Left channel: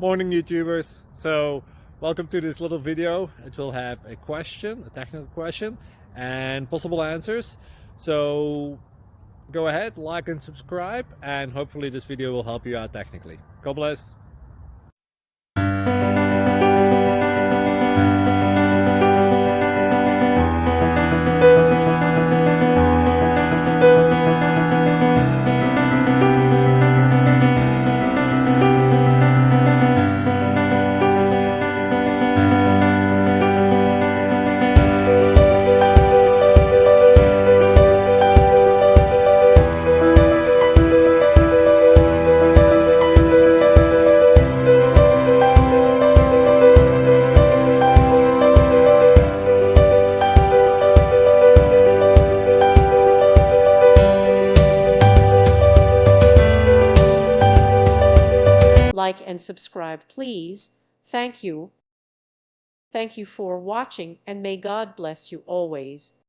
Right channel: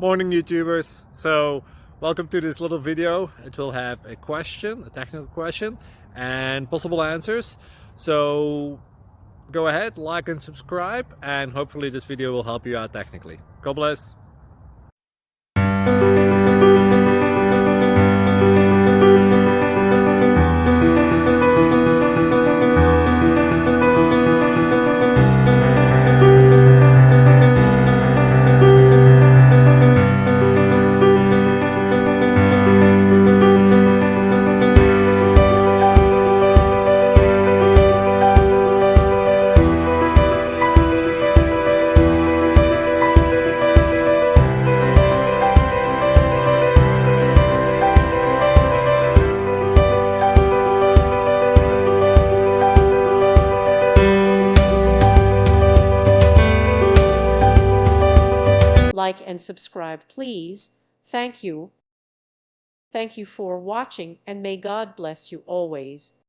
Morning YouTubers. So welcome to this little video. It will have a question, a technical question, and possible answers. So go ahead, like and subscribe, and hopefully this video will help you out technically. God bless. Like and subscribe, please. Thank you. Thank you for watching, and may God bless you always.